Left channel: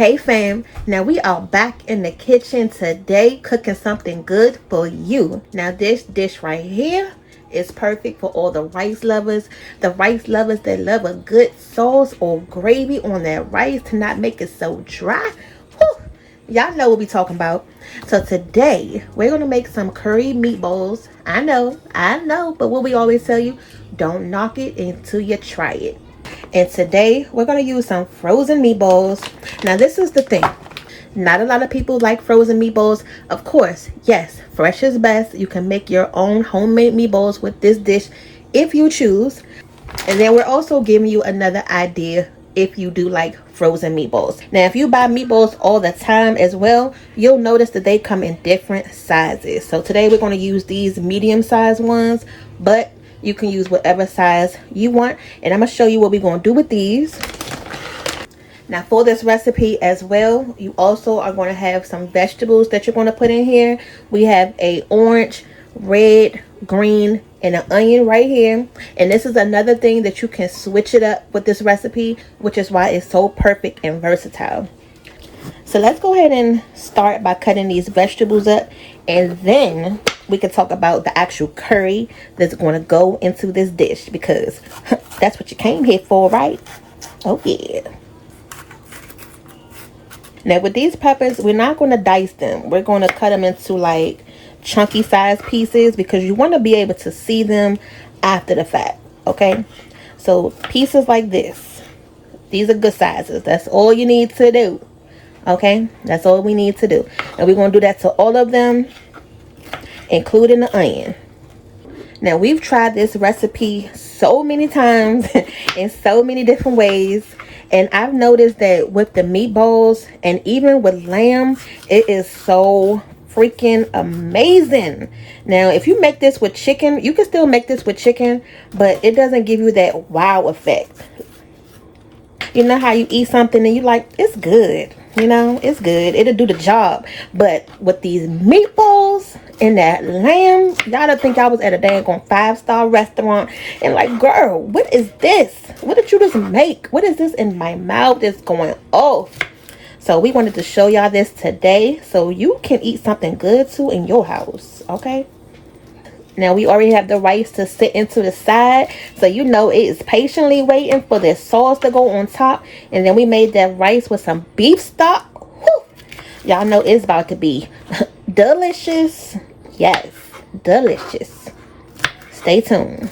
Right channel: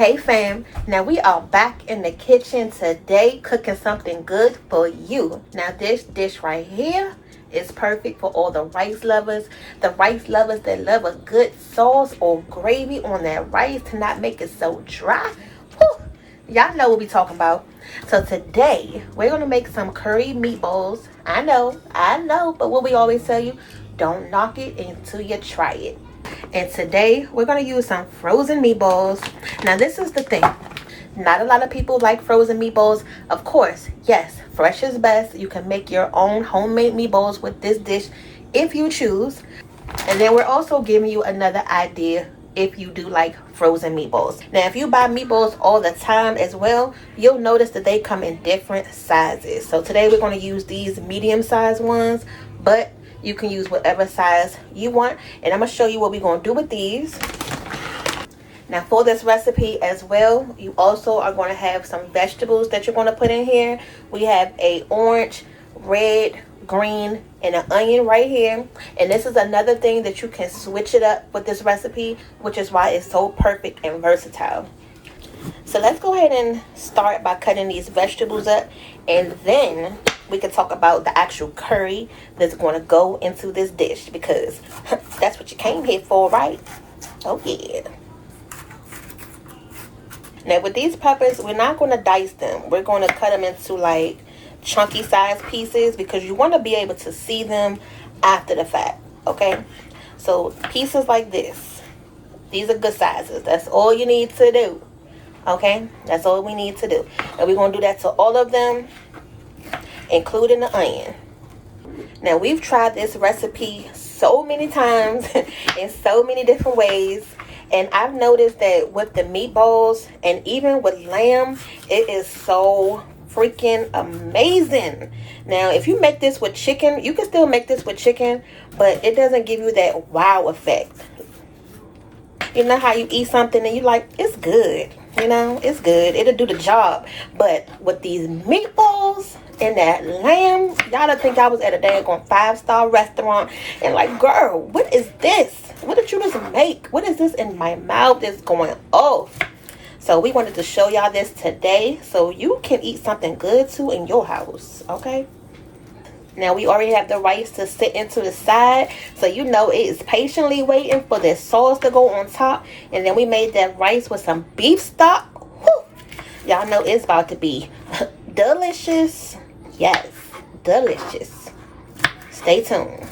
Hey fam, now we are back in the kitchen today cooking something good for you. Now this dish right here is perfect for all the rice lovers. The rice lovers that love a good sauce or gravy on their rice to not make it so dry. Whew. Y'all know what we talking about. So today we're gonna make some curry meatballs. I know, but what we always tell you, don't knock it until you try it. And today we're going to use some frozen meatballs. Now this is the thing, not a lot of people like frozen meatballs. Of course, yes, fresh is best. You can make your own homemade meatballs with this dish if you choose. And then we're also giving you another idea if you do like frozen meatballs. Now if you buy meatballs all the time as well, you'll notice that they come in different sizes. So today we're going to use these medium sized ones, but you can use whatever size you want, and I'm gonna show you what we're gonna do with these. Now for this recipe as well, you also are going to have some vegetables that you're going to put in here. We have a orange, red, green, and an onion right here. And this is another thing that you can switch it up with this recipe, which is why it's so perfect and versatile. So let's go ahead and start by cutting these vegetables up, and then we can talk about the actual curry that's going to go into this dish, because that's what you came here for, right? Oh yeah. Now with these peppers, we're not going to dice them. We're going to cut them into like chunky size pieces because you want to be able to see them after the fact, okay? So pieces like this, these are good sizes. That's all you need to do. Okay, that's all we need to do. And we're going to do that to all of them, including the onion. Now we've tried this recipe so many times in so many different ways, and I've noticed that with the meatballs and even with lamb, it is so freaking amazing. Now if you make this with chicken, you can still make this with chicken, but it doesn't give you that wow effect. You know how you eat something and you like, it's good, you know, it's good, it'll do the job. But with these meatballs and that lamb, y'all don't think I was at a daggone 5-star restaurant and like, girl, what is this? What did you just make? What is this in my mouth that's going off? So we wanted to show y'all this today so you can eat something good too in your house, okay? Now we already have the rice to sit into the side, so you know it is patiently waiting for this sauce to go on top. And then we made that rice with some beef stock. Y'all know it's about to be delicious. Yes, delicious. Stay tuned.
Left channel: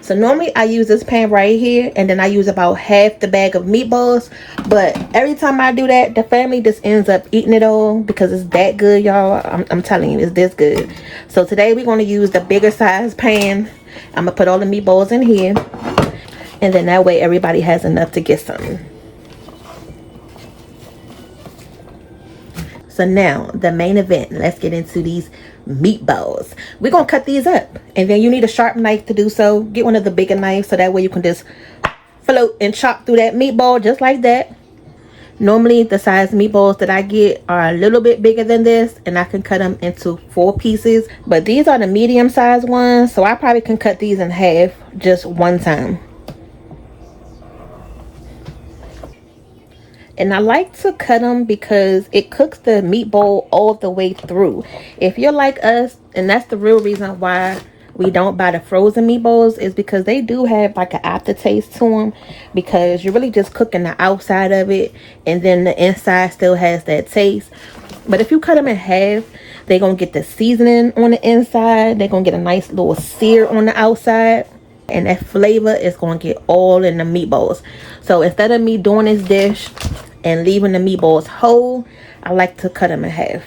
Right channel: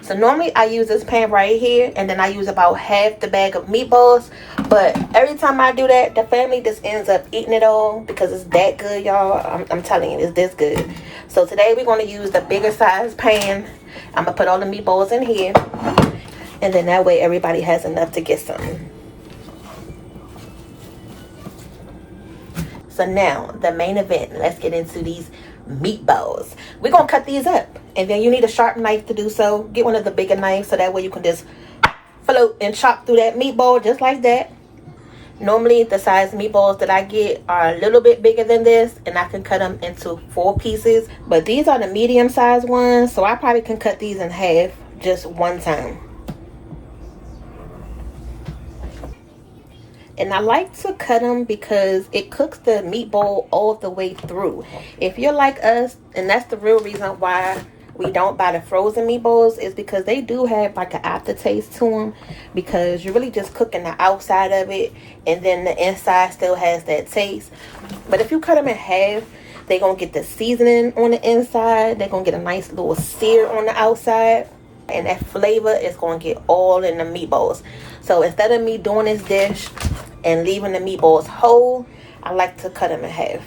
So normally I use this pan right here, and then I use about half the bag of meatballs. But every time I do that, the family just ends up eating it all because it's that good, y'all. I'm telling you, it's this good. So today we're going to use the bigger size pan. I'm going to put all the meatballs in here, and then that way everybody has enough to get some. So now the main event, let's get into these meatballs. We're gonna cut these up, and then you need a sharp knife to do so. Get one of the bigger knives so that way you can just float and chop through that meatball just like that. Normally the size meatballs that I get are a little bit bigger than this, and I can cut them into 4 pieces, but these are the medium sized ones, so I probably can cut these in half just one time. And I like to cut them because it cooks the meatball all the way through. If you're like us, and that's the real reason why we don't buy the frozen meatballs, is because they do have like an aftertaste to them, because you're really just cooking the outside of it and then the inside still has that taste. But if you cut them in half, they're gonna get the seasoning on the inside, they're gonna get a nice little sear on the outside, and that flavor is gonna get all in the meatballs. So instead of me doing this dish and leaving the meatballs whole, I like to cut them in half.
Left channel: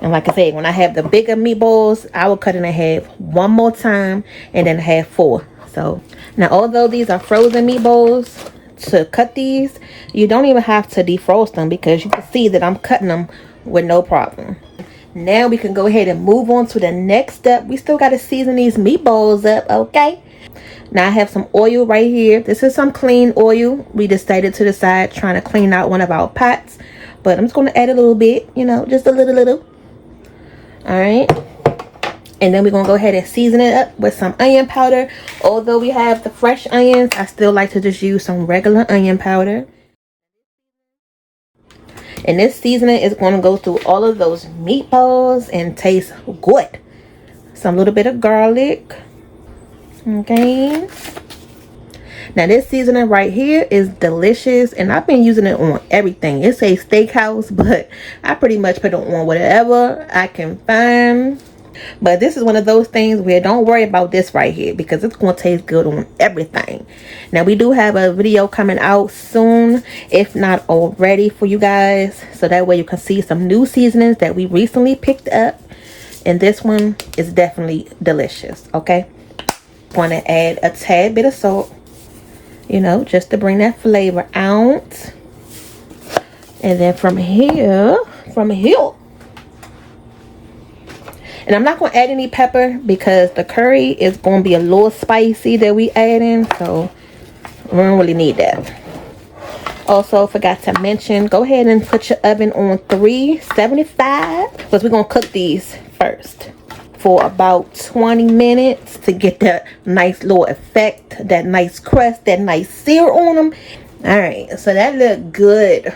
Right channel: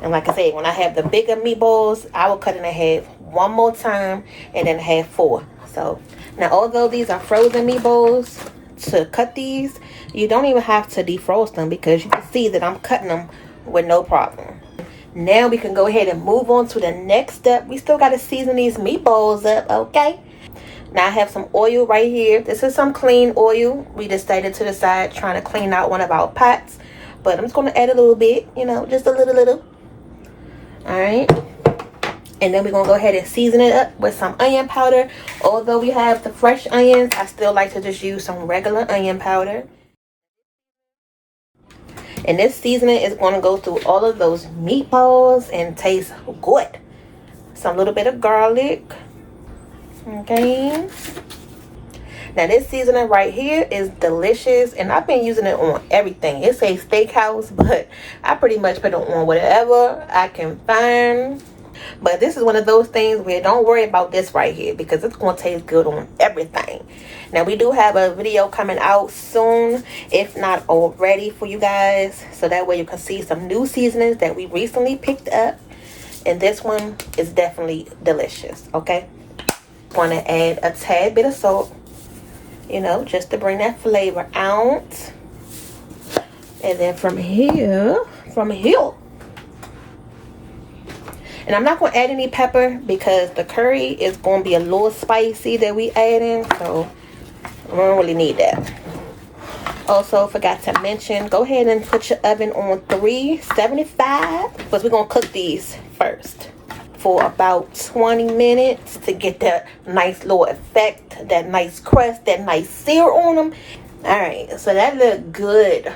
And like I said, when I have the bigger meatballs, I will cut it in half one more time and then half 4. So now, although these are frozen meatballs, to cut these, you don't even have to defrost them, because you can see that I'm cutting them with no problem. Now we can go ahead and move on to the next step. We still got to season these meatballs up, okay? Now I have some oil right here. This is some clean oil. We just set it to the side trying to clean out one of our pots, but I'm just going to add a little bit, you know, just a little. All right, and then we're gonna go ahead and season it up with some onion powder. Although we have the fresh onions, I still like to just use some regular onion powder. And this seasoning is going to go through all of those meatballs and taste good. Some little bit of garlic. Okay. Now this seasoning right here is delicious, and I've been using it on everything. It says steakhouse, but I pretty much put it on whatever I can find. But this is one of those things where don't worry about this right here, because it's going to taste good on everything. Now we do have a video coming out soon, if not already, for you guys, so that way you can see some new seasonings that we recently picked up. And this one is definitely delicious. Okay, going to add a tad bit of salt, you know, just to bring that flavor out. And then from here, and I'm not going to add any pepper because the curry is going to be a little spicy that we add in, so we don't really need that. Also forgot to mention, go ahead and put your oven on 375 because we're going to cook these first for about 20 minutes to get that nice little effect, that nice crust, that nice sear on them. All right, so that look good.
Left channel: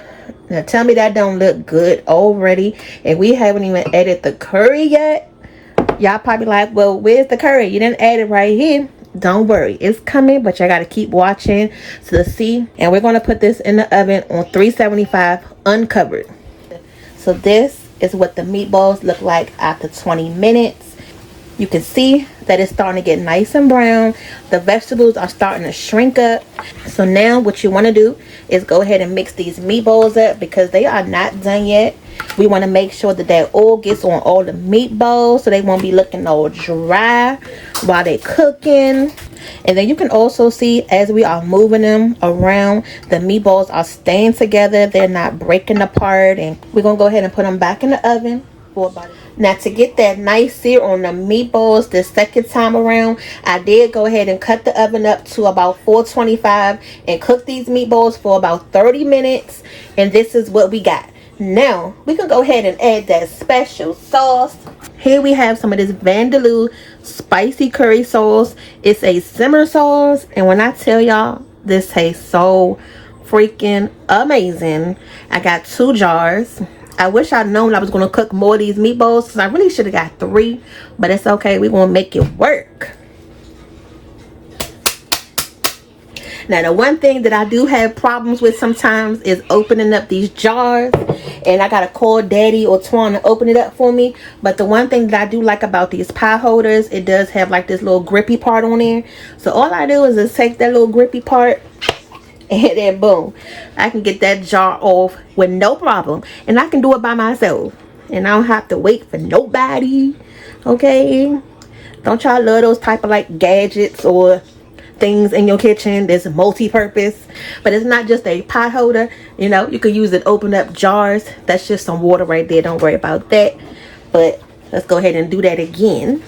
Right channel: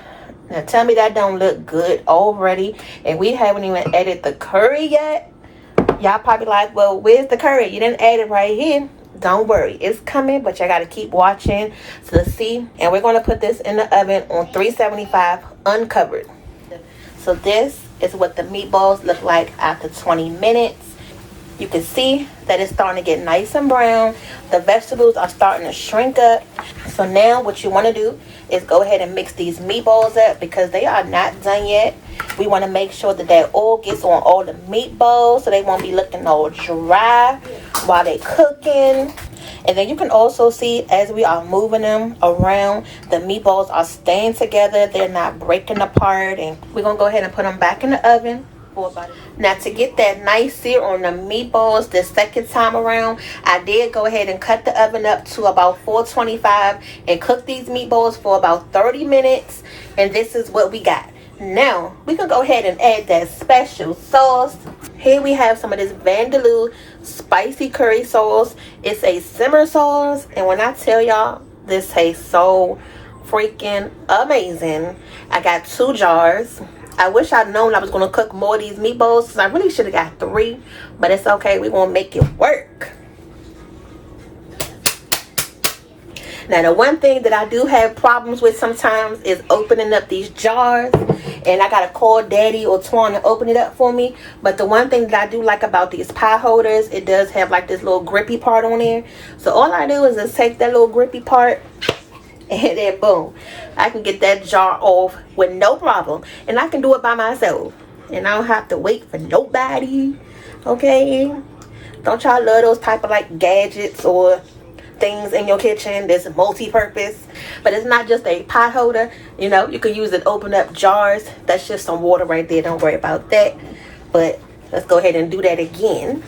Now tell me that don't look good already, and we haven't even added the curry yet. Y'all probably like, well, where's the curry? You didn't add it right here. Don't worry, it's coming, but you gotta keep watching to see. And we're gonna put this in the oven on 375 uncovered. So this is what the meatballs look like after 20 minutes. You can see that it's starting to get nice and brown. The vegetables are starting to shrink up. So now what you want to do is go ahead and mix these meatballs up because they are not done yet. We want to make sure that that oil gets on all the meatballs so they won't be looking all dry while they're cooking. And then you can also see as we are moving them around, the meatballs are staying together. They're not breaking apart. And we're going to go ahead and put them back in the oven. Now to get that nice sear on the meatballs the second time around, I did go ahead and cut the oven up to about 425 and cook these meatballs for about 30 minutes. And this is what we got. Now we can go ahead and add that special sauce. Here we have some of this Vindaloo spicy curry sauce. It's a simmer sauce, and when I tell y'all, this tastes so freaking amazing. I got 2 jars. I wish I'd known I was going to cook more of these meatballs, so I really should have got 3, but it's okay. We're going to make it work. Now, the one thing that I do have problems with sometimes is opening up these jars, and I got to call Daddy or Twan to open it up for me. But the one thing that I do like about these pie holders, it does have like this little grippy part on there. So all I do is just take that little grippy part, and then boom, I can get that jar off with no problem, and I can do it by myself, and I don't have to wait for nobody. Okay, don't y'all love those type of like gadgets or things in your kitchen that's multi-purpose? But it's not just a pot holder, you know, you can use it open up jars. That's just some water right there, don't worry about that. But let's go ahead and do that again.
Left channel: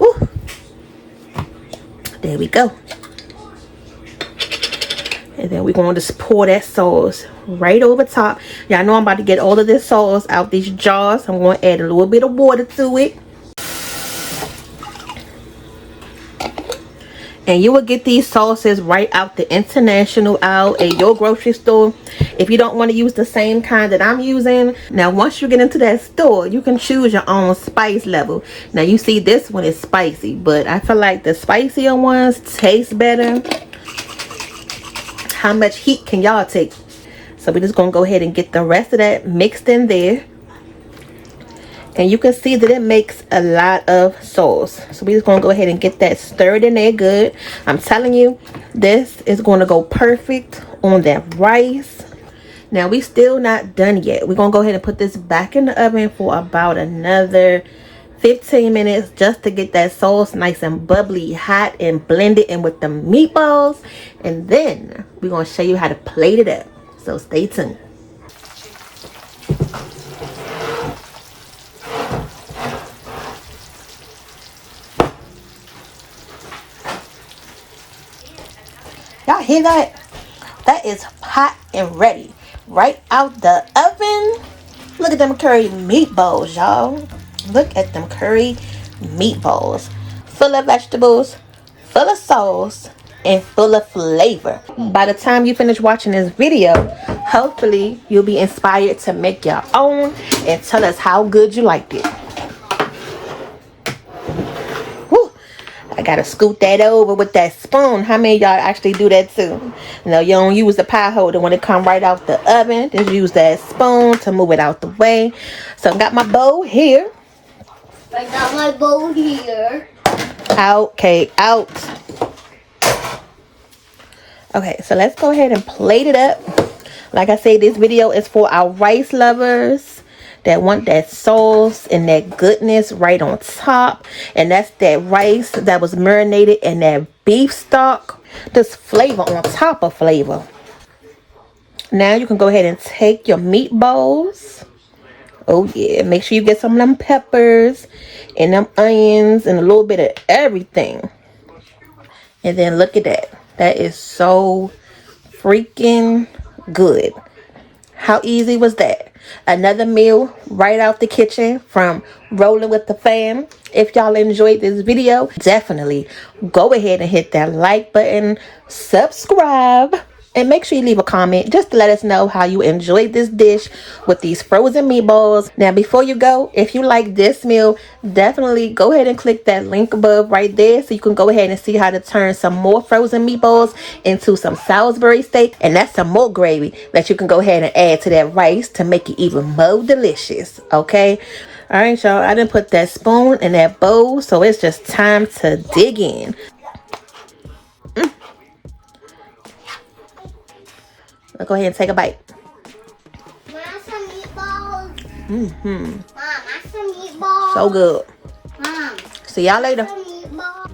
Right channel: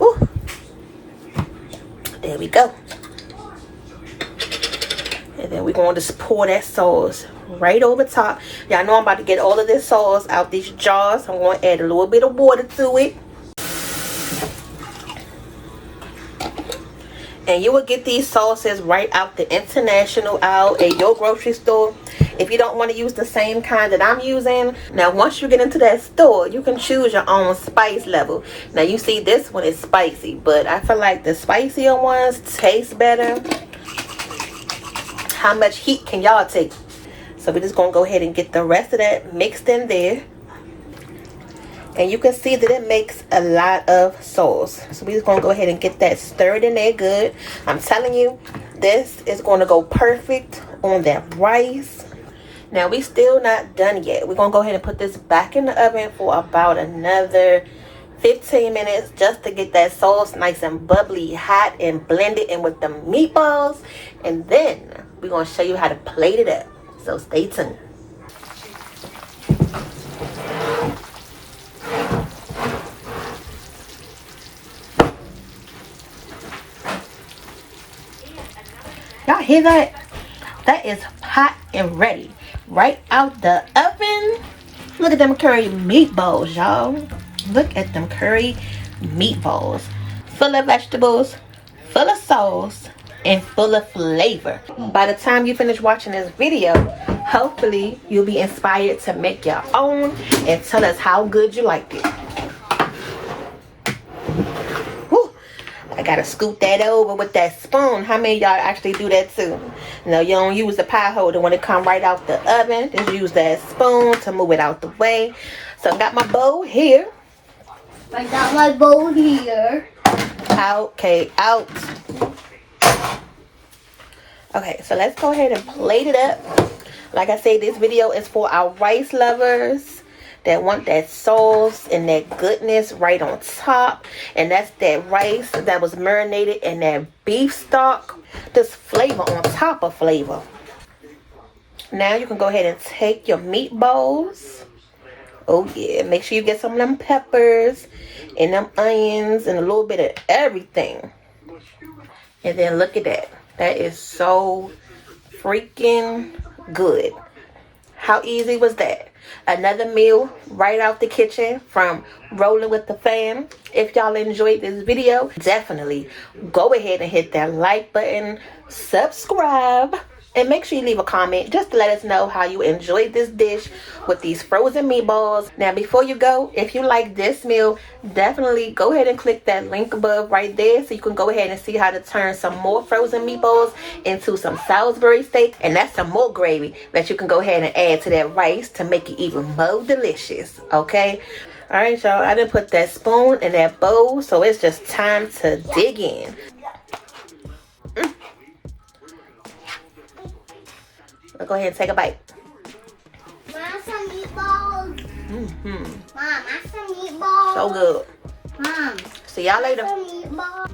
Woo. There we go. And then we're going to just pour that sauce right over top. Y'all know I'm about to get all of this sauce out these jars. I'm going to add a little bit of water to it. And you will get these sauces right out the international aisle at your grocery store if you don't want to use the same kind that I'm using. Now once you get into that store, you can choose your own spice level. Now you see this one is spicy, but I feel like the spicier ones taste better. How much heat can y'all take? So we're just going to go ahead and get the rest of that mixed in there. And you can see that it makes a lot of sauce. So we're just going to go ahead and get that stirred in there good. I'm telling you, this is going to go perfect on that rice. Now we still not done yet. We're going to go ahead and put this back in the oven for about another 15 minutes just to get that sauce nice and bubbly hot and blend it in with the meatballs. And then we're going to show you how to plate it up. So stay tuned. Y'all hear that? That is hot and ready right out the oven. Look at them curry meatballs, y'all. Look at them curry meatballs. Full of vegetables, full of sauce, and full of flavor. By the time you finish watching this video, hopefully you'll be inspired to make your own and tell us how good you liked it. Woo. I gotta scoot that over with that spoon. How many of y'all actually do that too? You know, you don't use the pie holder when it come right out the oven. Just use that spoon to move it out the way. So I got my bowl here. I got my bowl here. Out, okay, out. Okay, so let's go ahead and plate it up. Like I said, this video is for our rice lovers that want that sauce and that goodness right on top. And that's that rice that was marinated in that beef stock. This flavor on top of flavor. Now you can go ahead and take your meatballs. Oh yeah, make sure you get some of them peppers and them onions and a little bit of everything. And then look at that. That is so freaking good. How easy was that? Another meal right out the kitchen from Rolling with the Pham. If y'all enjoyed this video, definitely go ahead and hit that like button, subscribe, and make sure you leave a comment just to let us know how you enjoyed this dish with these frozen meatballs. Now, before you go, if you like this meal, definitely go ahead and click that link above right there so you can go ahead and see how to turn some more frozen meatballs into some Salisbury steak. And that's some more gravy that you can go ahead and add to that rice to make it even more delicious, okay? All right, y'all, I done put that spoon in that bowl, so it's just time to dig in. Let's go ahead and take a bite. Want some meatballs? Mm-hmm. Mom, I some meatballs. So good. Mom. See y'all later. Some meatballs.